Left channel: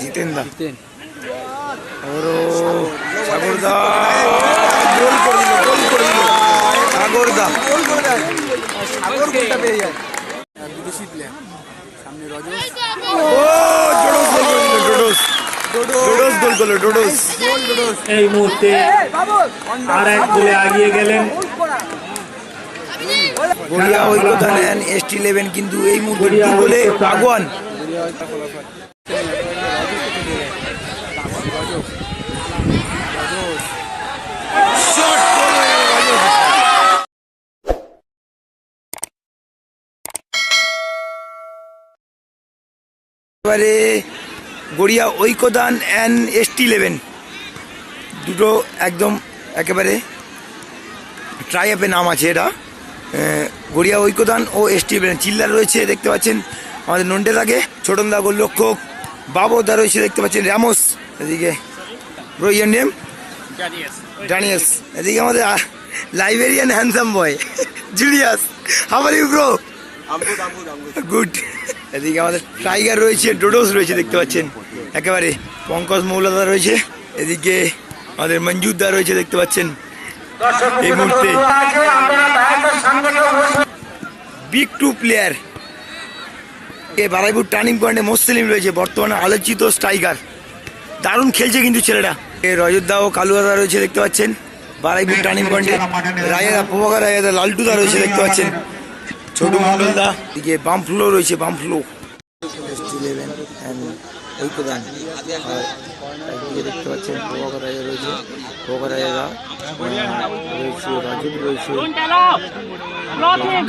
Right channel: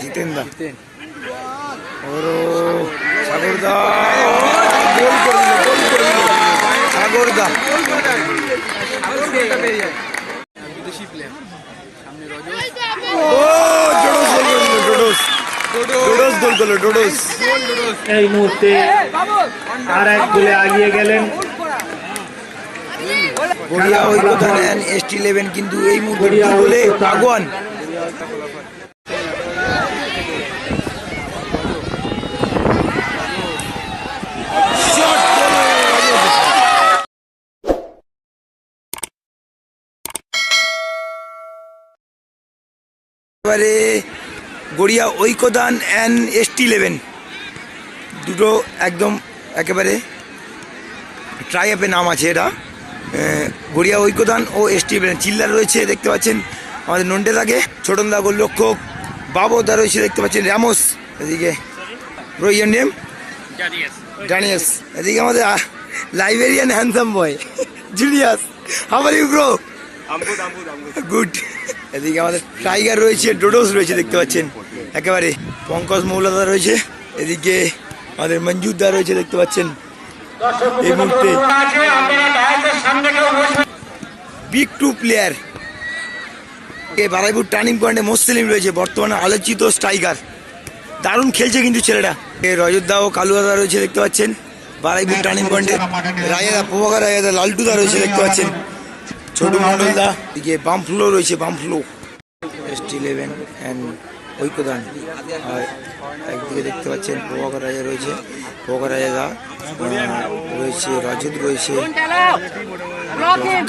জিতেন। দা ওরও সাগরদা। গোল করে দিল গোল করে দিল সাগরদা বিদেশি প্লেয়ার সামনে রজত ও ডোডোস গোল করে দিল ডোডোস গোল করল ডোডোস এই মুহূর্তে আর এক গোলে এগিয়ে গেলেন। গড়িয়া ঐক্যতা নেন এস টি ইলেভেন কিন্তু এই মুহূর্তে দু গোলে আগুয়ান। এবারে গড়িয়া ঐক্যদান অ্যান্ড এস টি ইলেভেন দুটো একদম একেবারে ট্রাই অ্যাপে নাম আছে এটা। গড়িয়া ঐক্যদান ও এস টি চিল্লার রয়েছে, দেখতে পাচ্ছেন। আমাদের নন্টে থাকে ছোটনদা গোলরক্ষক বাবদা রয়েছে দেখতে পাচ্ছেন র্যামোস এদিকে। ব্রো নেম ডানিয়াস এদিকে আমাদের librarian handsome boy Julius how are you bro good এদিকে আমাদের টাইগার রয়েছে ডোডোস রয়েছে দেখতে পাচ্ছেন। একেবারে পঙ্কজ মৌলাদা রয়েছে এদিকে আমাদের মঞ্জুরদা রয়েছে দেখতে পাচ্ছেন। এই মুহূর্তে বিগ টু প্লেয়ার এ বারাইপুর টার্নিং পয়েন্টে মোস্তেলিম রয়েছে। বর্তমানে আলোচিত স্ট্রাইকার। দারুণ খেলছে কিন্তু ছেলেটা। এ রজতদা ও কালুয়াদা রয়েছে দেখতে পাচ্ছেন। বারাইপুর টার্নিং পয়েন্টে রাজাদা প্রভাকর রাজাদা লালটুদা রয়েছে দেখতে পাচ্ছেন। ছোট মন্ডলদা এদিকে বাম ফ্লো রয়েছে বাম flow S T eleven and ঐক্যদান একদিকে দেখতে পাচ্ছেন প্রভাকর রাজা রয়েছে। প্রভাকর রাজাদা রয়েছে, রজত রয়েছে।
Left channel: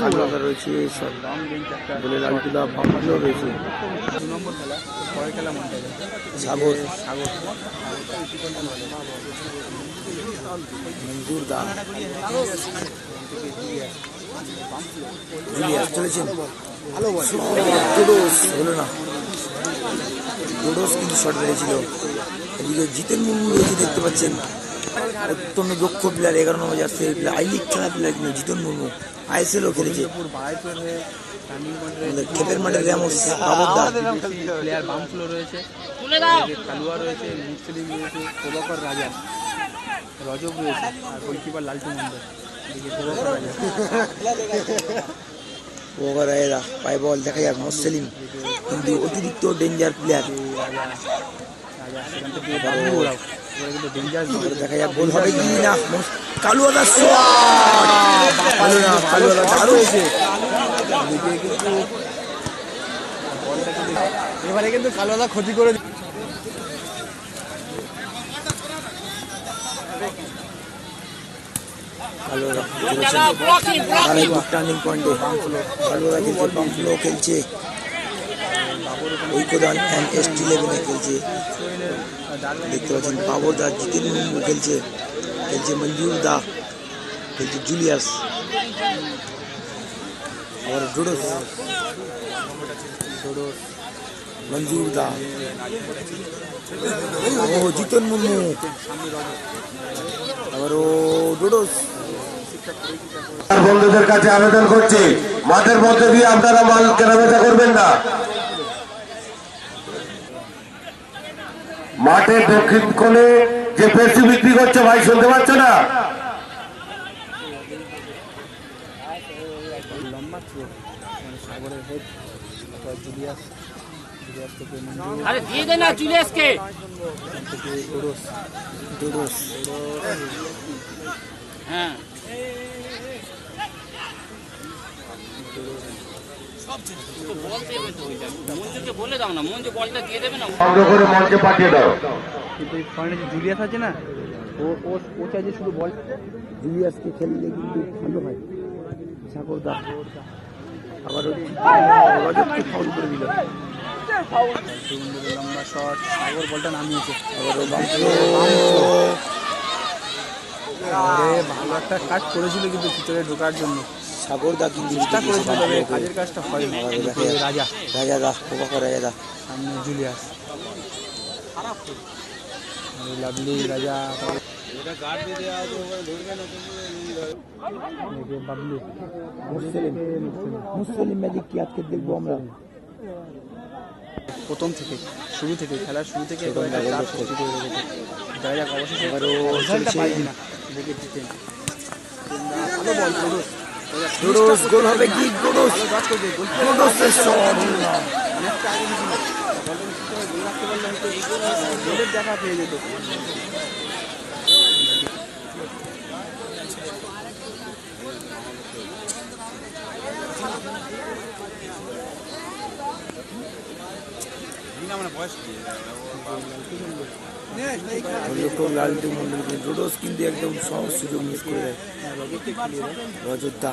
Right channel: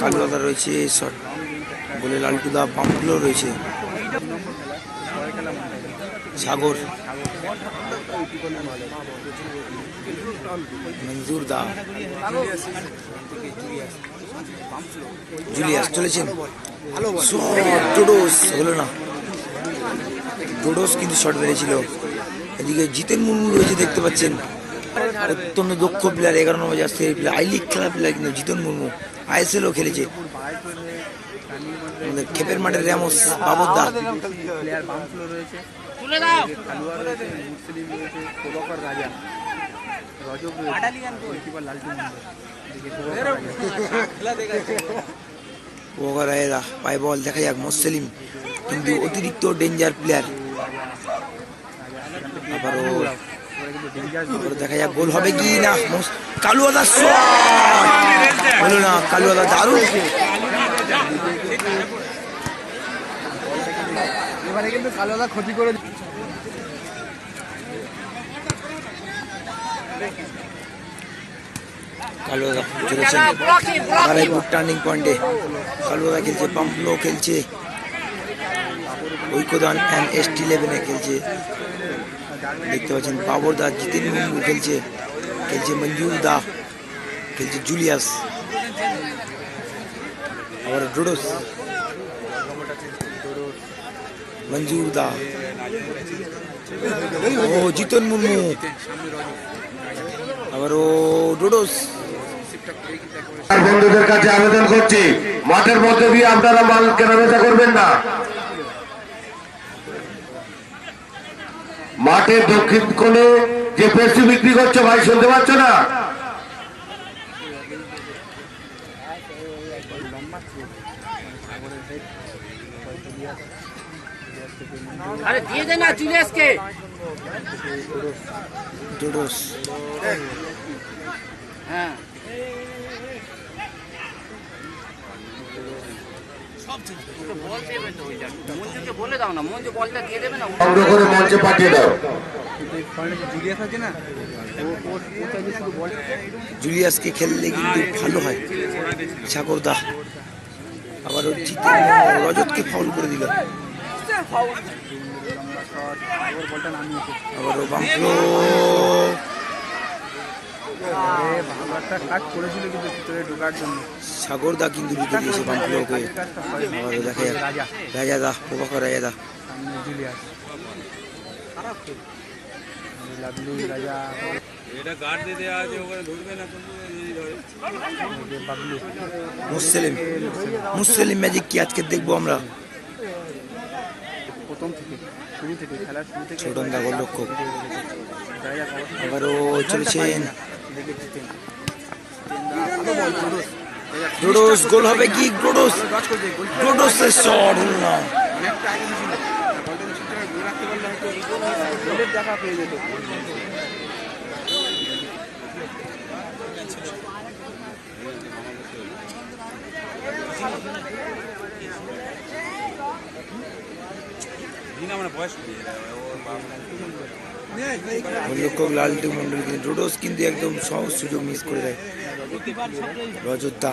কালুয়াদা রয়েছে বলে লালটুদা ফ্লো রয়েছে। সাগর। মঞ্জুর দা। জুলিয়াস, চলেছেন। ডোডোস, হলো না। ডোডোস কিন্তু শট বেড়েছিল এদিকে জিতেন মুর্মু রয়েছে, দেখতে পাচ্ছেন। অত্যন্ত দক্ষ প্লেয়ার এগারো নম্বর যাচ্ছে প্লেয়ার আই লিগ খেলা প্লেয়ার কিন্তু জিতন মুর্মু। আইএসএলও খেলেছে। খেপের মাঠের র্যামোস বাবরদা প্লেয়ার বাম ফ্লো রয়েছে কালুয়া রয়েছে মুসলিম রয়েছে প্রভাকর রাজা রজত রয়েছে গোলকিপার লালটু মন্ডল এদিকে প্রভাকর রাজা ওভার রায়রা পায়ে বল দেখা যাক মোসলিম কিন্তু অতিরিক্ত ডেঞ্জার প্লেয়ার আবারও দেখা যাক গোল হবে কি না? মোস- কালুয়াদা শট হলো না কালুয়াদা দারুণ এবারে কিন্তু কালুয়া ক্ষতি করে কালুয়াদা চলেছেন বারাইপুর টার্নিং পয়েন্টে কালুয়াদা খেলছে পাম্পলো খেলছে। ঐক্যদান অ্যান্ড এস টি ইলেভেনে খেলছে। দেখতে পাচ্ছেন বাবর দা জিতেন মুর্মু খেলছে। খেলছে মঞ্জুর দা খেলছে জুলিয়াস আবার ডোডোস মঞ্জুর দা। ও জিতন মুর্মু। আবার ও ডোডোস। বন্ধুদের কাছে আবেদন করছি, মাঠের মধ্যে দিয়ে আপনারা মাল কেনাবেচা করবেন না। মাঠের দক্ষিণ কোণে যে পেশি বিক্রি করছ, ভাই, শুনতে পাচ্ছ না? আরে দিয়ে দে না জুলিয়াসকে। হ্যাঁ। তো বল দেবে তো ওইটা মঞ্জুকে বলে দাও না মঞ্জু বলটা দিয়ে দেবে না সংগ্রহ করে মঞ্চে পাঠিয়ে দাও। কিন্তু এই জুলিয়াস আছে না ও ও ও চাইবে শুধু বল। জুলিয়াসকে খেললে কিন্তু ভালো হয়। সাগরদা আবার রজতকে ফাউল করে দিল। কাজ করেছিল কিন্তু জিতে মুসলিম মুসলিম ম্যাজিক কি আজকে দেখব আমরা? প্রথম থেকে শুরু থেকে খেলার শুরু থেকে ছোটন অবশেষে আবারও চলছেন দেখে ভালো বল ডোডোস ডোডোস গোল হবে কি? ডোডোস ভালো দশ করবে গোল ডোডোসের শট। অনেকটা আগে ছিল বলটা ঠিকঠাক গোল রাখতে পারলে হয়তো গোলের দেখা পেয়ে যেত গোলরক্ষক লালটু মন্ডল কিন্তু ডোডোস কিন্তু একদম সহজ সুযোগ মিস করে দেয়। রজতদা।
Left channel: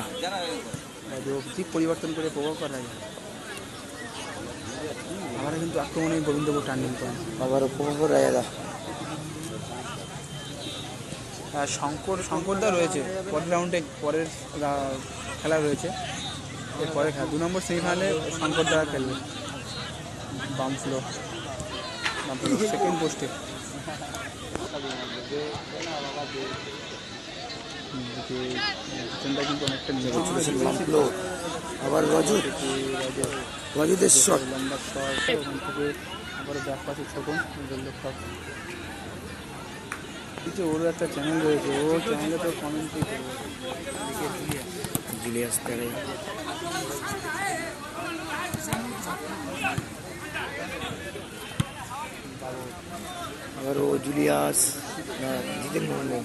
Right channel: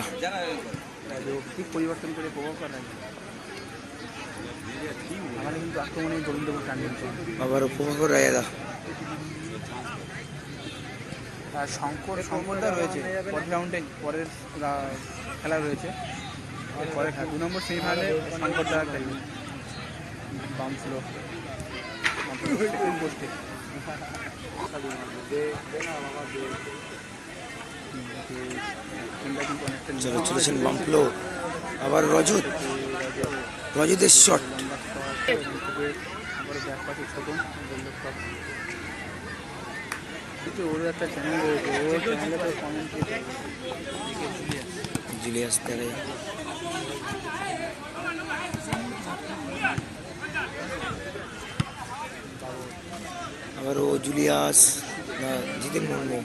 দিক পরিবর্তন করে প্রভাব করা আমরা কিন্তু আক্রমণে গোবিন্দ টার্নিং করি আবারও প্রভাকর রায়দা আর শঙ্কর শঙ্করদা রয়েছে। পরের রাউন্ডে পরের খেলা রয়েছে। পরে দু নম্বর সেমিফাইনালে শঙ্করদা খেলবে। বাম ফ্লো সেকেন্ড পোস্টে। বাম্পলো আবার রজত। রজতের শট কিন্তু ওর একটা চ্যানেল রয়েছে ওর চ্যানেলে তো কমেন্ট্রি জুলিয়াস তেরে আবারও জুলিয়াস জিতেন মুর্মু।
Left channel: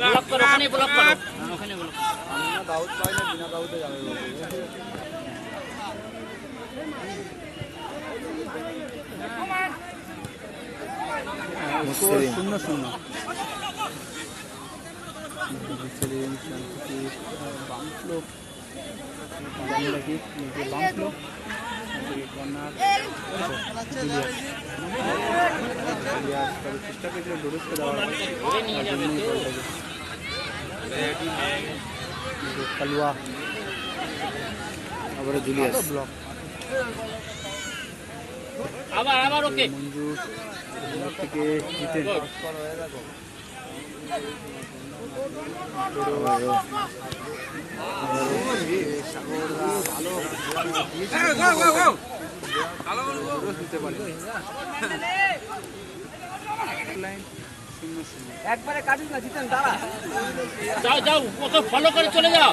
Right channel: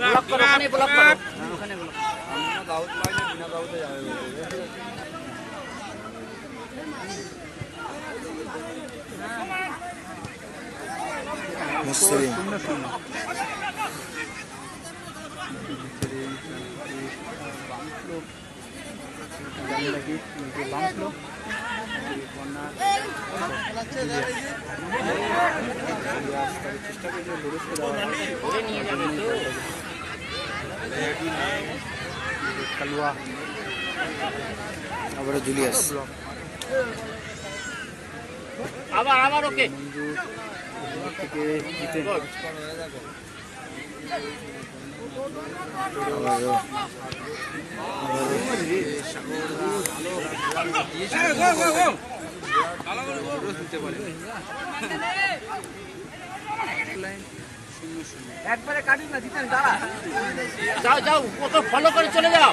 ব্লক করো চেষ্টা করলে তো কালুয়া আবারও জুলিয়াস। আবার আবার ওকে। থেকে জিতেন। যাও যাও কত ফলো করে চলে যাও।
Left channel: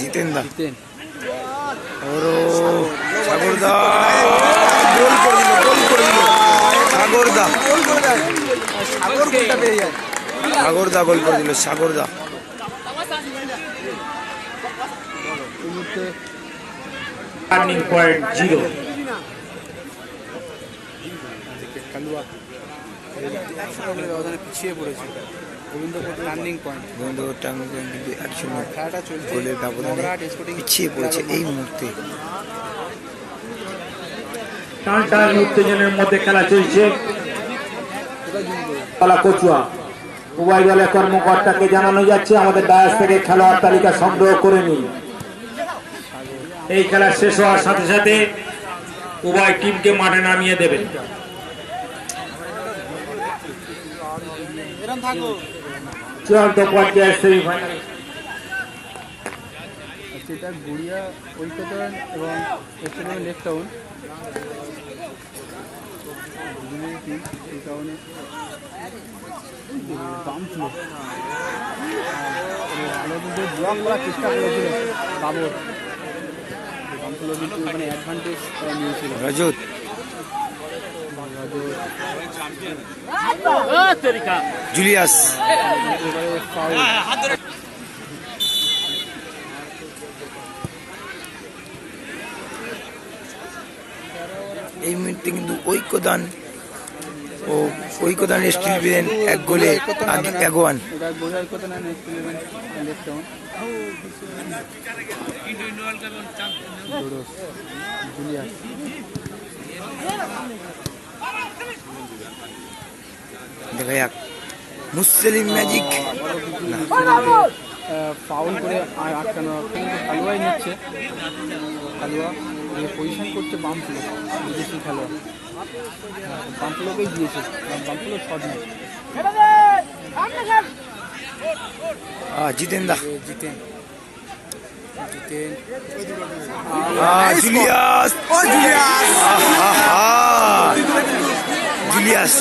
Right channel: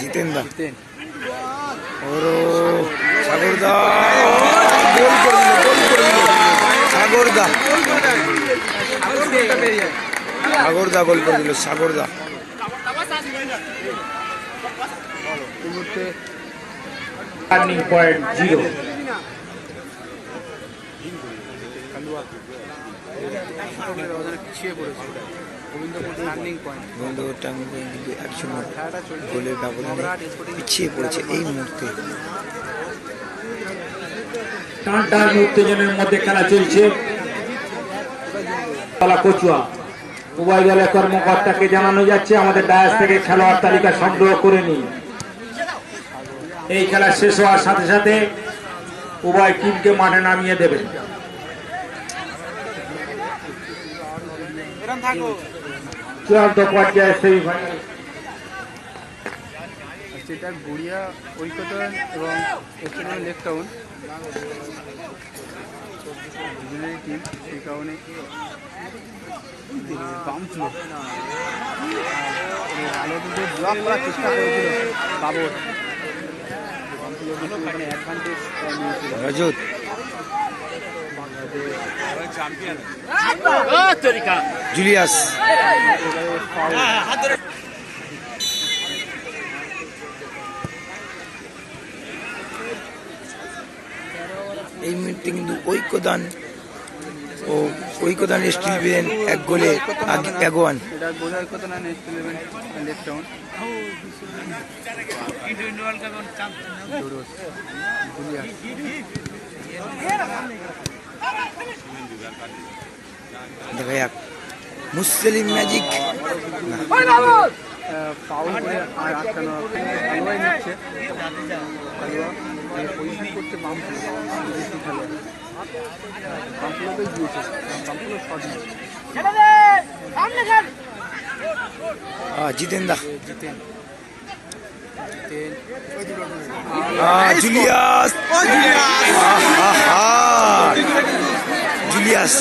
জিতেন দা জিতেন আবারও সাগরদা গোল করে দিল গোল করে দিল সাগরদা সাগর পেয়ে যায় সাগরদা গোল করে দিল মুহূর্তে টার্নিং পয়েন্ট জিরো কালুয়া ছোটবেলার গোবিন্দপুর টার্নিং পয়েন্ট কিন্তু এক শূন্য গোলের ব্যবধানে পিছিয়ে পড়েছে এই মুহূর্তে। টান টান উত্তেজনের মধ্যে খেলা চলছে। পালা কচুয়া। উভয় দলের কর্মকর্তাকে জানানো যাচ্ছে আমাদের ডায়াস থেকে খেলোয়াড় তালিকা সংগ্রহ করে নিন। এই খেলা শেষ হওয়ার সাথে সাথে উভয় টিমকে মাঠে নামিয়ে দেবেন চূড়ান্ত পর্যায়ে সেমিফাইনাল সেটা গড়িয়া ঐক্যতন এবং এখানে লেফট টাউন দুজনেরই টিম এই কারণে বাম ছিল। আলোতে ব্লক করার চেষ্টা করেছিল বাবর। অ্যাডভান্টেজ নিয়েছিল রজত জুলিয়াস। এই মুহূর্তে কিন্তু ঐক্যদান ও ঐক্যদান স্টিল পেলেন এক গোলে এগোয়ান। এটা দেখা যাক মুসলিম ম্যাজিক জিতেন দা জিতেন জিতেন জুলিয়াস। ইলিয়াস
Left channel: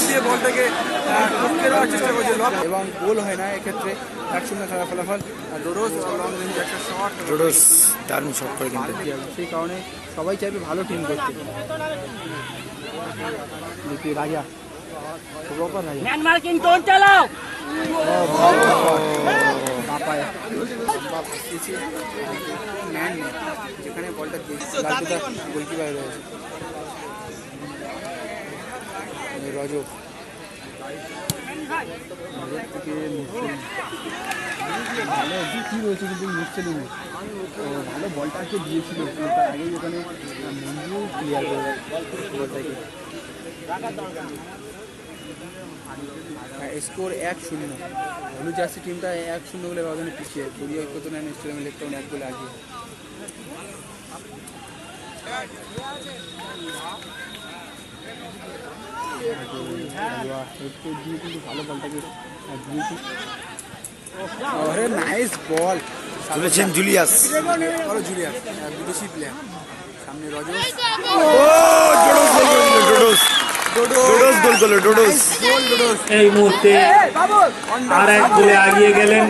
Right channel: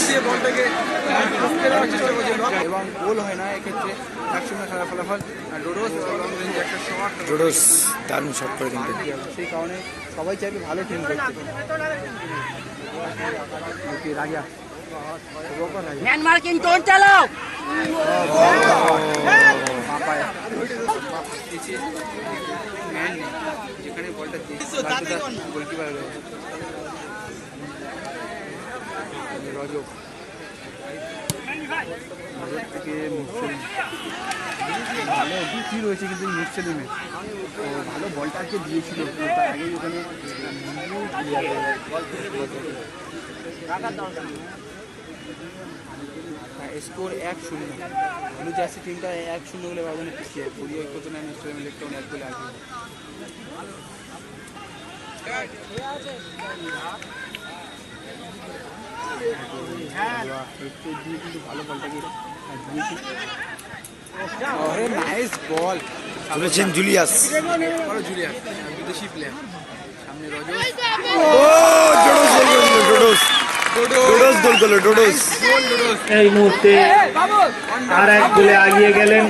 এবং গোল হয় না এক্ষেত্রে এক শূন্য খেলা ফলাফল ডোডোস দারুণ শট করে কিন্তু। সেই কারণে সবাই চাইবে ভালো টিম দেখতে রাজা গোলকিপার মুসলিম ভালো দুটি রয়েছে কিন্তু মুসলিমে তো ভালো বলটাকে দিয়েছিল। কিন্তু তার ওখানে স্কোর এক শূন্য। ব্লু জার্সি টিমটা এক শূন্য বলে ব্যবধানে পিছিয়ে পরিবর্তন আমি স্টেডিয়াম ইলেকট্রন এক গোল আগে কিন্তু ভালো বলটাকে দিয়েছি ওরে নাইস বল তুলেছেন জুলিয়াস। বলো জুলিয়া বিদেশি প্লেয়ার সামনে রজত ও ডোডোস গোল করল ডোডোস এই মুহূর্তে আর এক গোলে এগিয়ে গেলেন।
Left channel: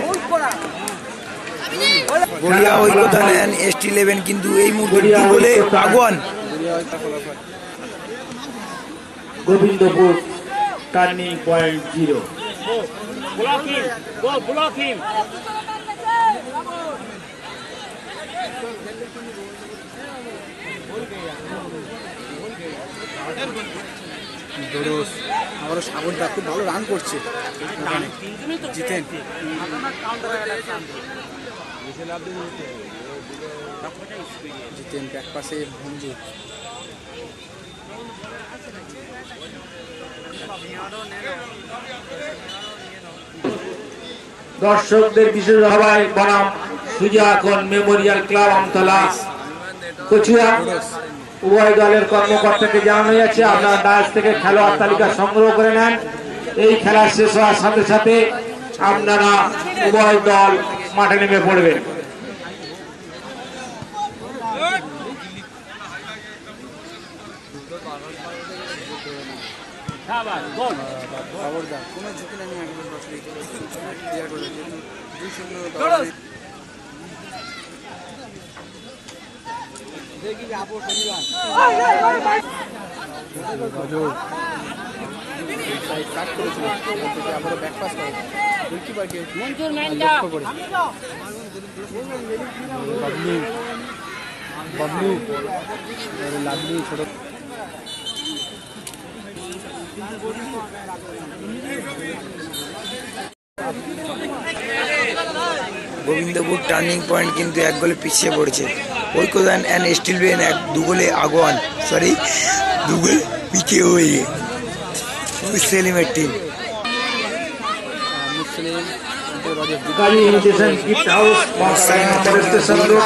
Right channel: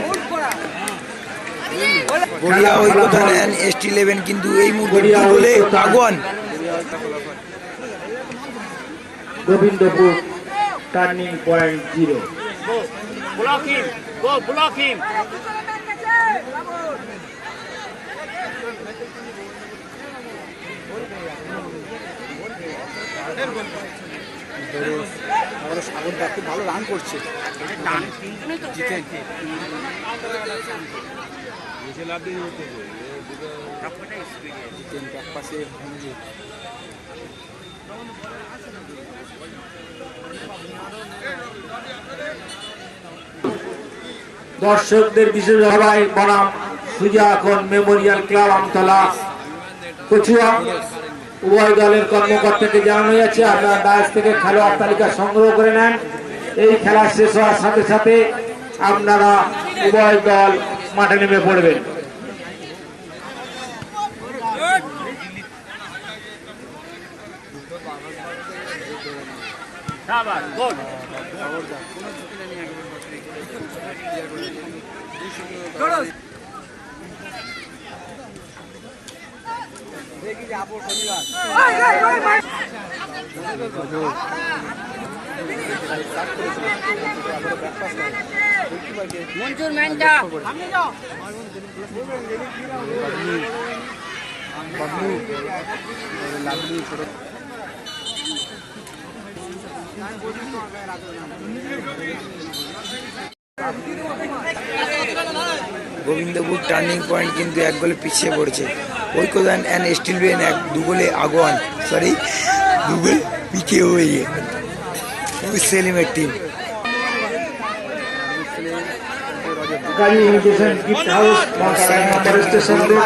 গড়িয়া ঐক্যতা নেন এসটি ইলেভেন কিন্তু এই মুহূর্তে গোলে আগুয়ান। Gobindapur turning point zero. ভালো রান করছে জিতেন। জিতেন ব্যাক পাশে দর্শকদের বিশেষ সভায় বনাম সুজাখন মেমোরিয়াল ক্লাব আমতলা। কচুয়া উভয় দলের কর্মকর্তাকে জানানো যাচ্ছে আপনারা ডায়স থেকে খেলোয়াড় তালিকা সংগ্রহ করে নেন। এই খেলা শেষ হওয়ার সাথে সাথে আপনারা উভয় দল মাঠে নেমে পড়বেন। গোল। ক্লিয়ার করে যেহেতু খুবই সুন্দর দেখি যাব শনিবার মঞ্জুর মেন্ডা লাভলু গোবিন্দপুর টার্নিং পয়েন্ট কিন্তু এক গোলে পিছিয়ে পড়ছে ঐক্যদান অ্যান্ড স্টিল বেন এক দু গোলে আগুয়ান সরি দু গোল পিছিয়ে হয়ে সেলিমের team Muslim Rajat Gazi imitation gift house number station road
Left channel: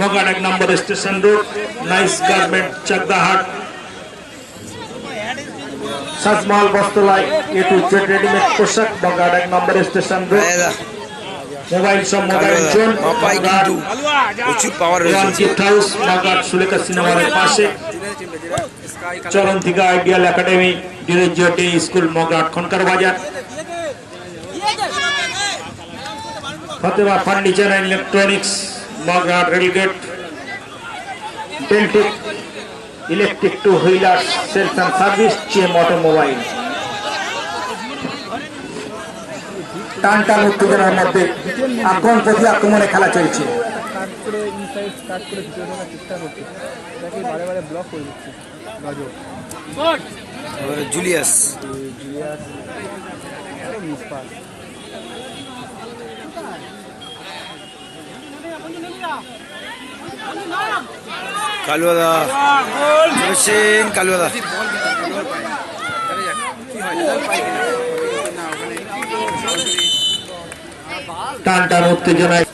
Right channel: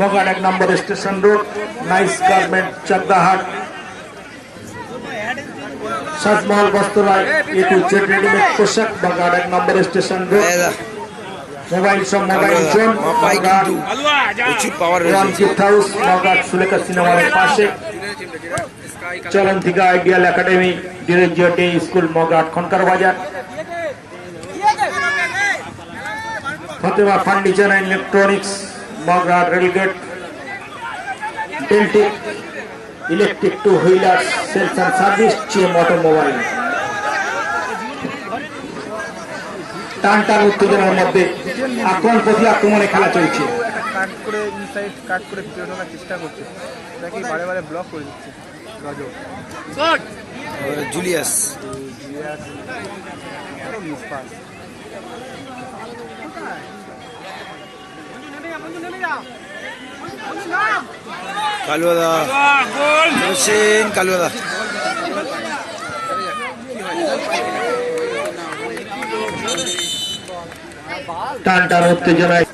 মগান এক number station road nice garment Chakdahat Sajmahal বস্তলায় A to Z readymade পোশাক মগান এক নম্বর স্টেশন মোবাইল সব মোবাইল জোন মাপাই কিন্তু প্রচুর পাওয়ার রয়েছে। গিফট হাউস মগান সুলেখা সিনেমার পাশে। Sky Charantika ideal academy Derozio day school মগান Khankar Bazar. Fatema furniture and electronics মগান rail gate Deltech electric two wheeler sales and service same automobile টান টান উত্তেজনার মধ্যে আক্রমণ প্রতি আক্রমণে খেলা চলছে। কাট করে ইনসাইড কাট করে ভিতরে ঢোকার চেষ্টা করছে তাকে বারে বারে ব্লক করে দিচ্ছে জুলিয়াস। কালুয়াদা চলেছেন কালুয়াদা টান টান উত্তেজনায়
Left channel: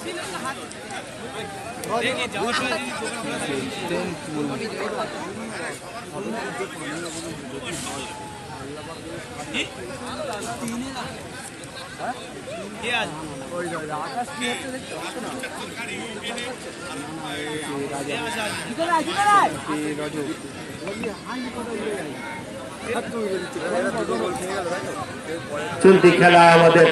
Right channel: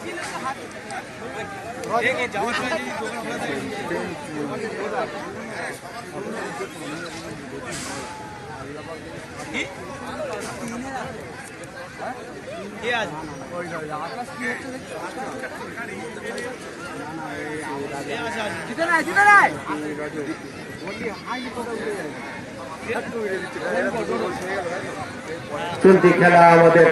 চলতি খেলা আমাদের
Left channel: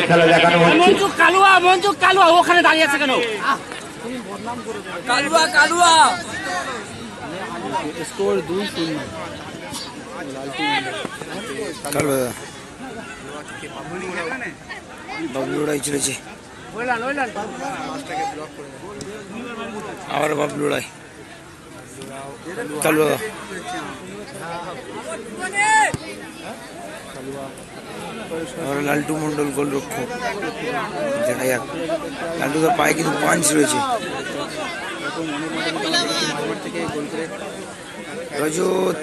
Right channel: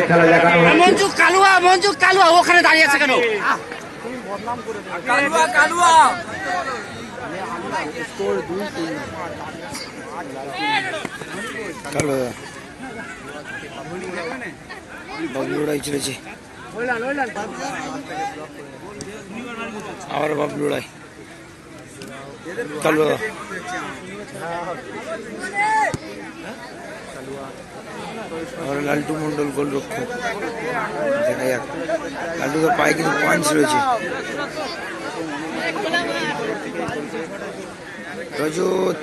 খেলা দেখানো মঞ্জু কালুয়া মঞ্জু কালুয়া ওখানে দাঁড়িয়ে আছে কেন? স্কোর দুই শূন্য কালো বাবলু লড়াই চলেছে। আবার বাবলু লড়াই কালো আবার লালটু মন্ডল গোল রক্ষক দেখা যাক। লালটু তার পায়ে কিন্তু পাঞ্চ রয়েছে। রজত।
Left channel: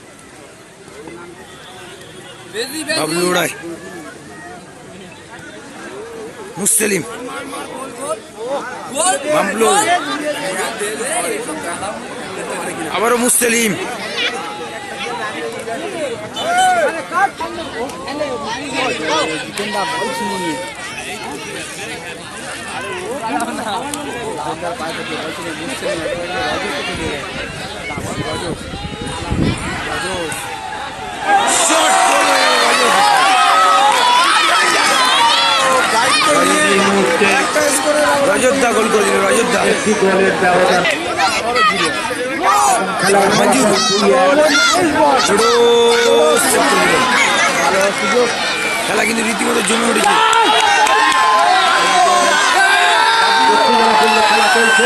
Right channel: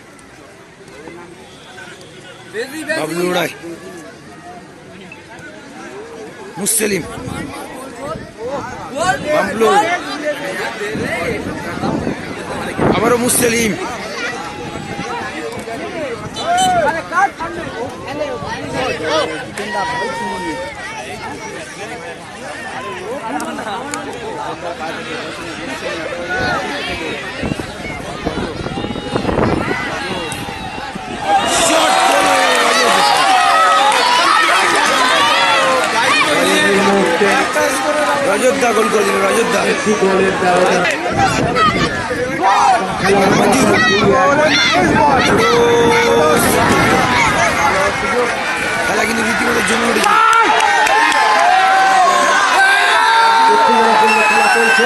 বাবলু লড়াই মুসলিম। বাবলু। আবারও মুসলিম। শট গোল হয়ে গেল রজত। এই মুহূর্তে রজত দা গোল করে দিল খেলা কিন্তু রীতিমতো জমে উঠেছে খেলা চলছে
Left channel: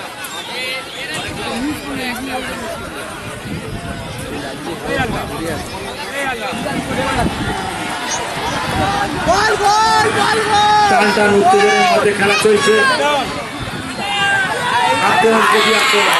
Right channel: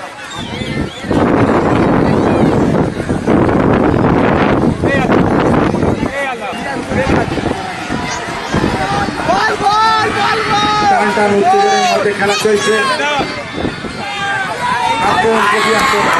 টান টান উত্তেজনের মধ্যে খেলা চলছে আক্রমণ কবি আক্রমণ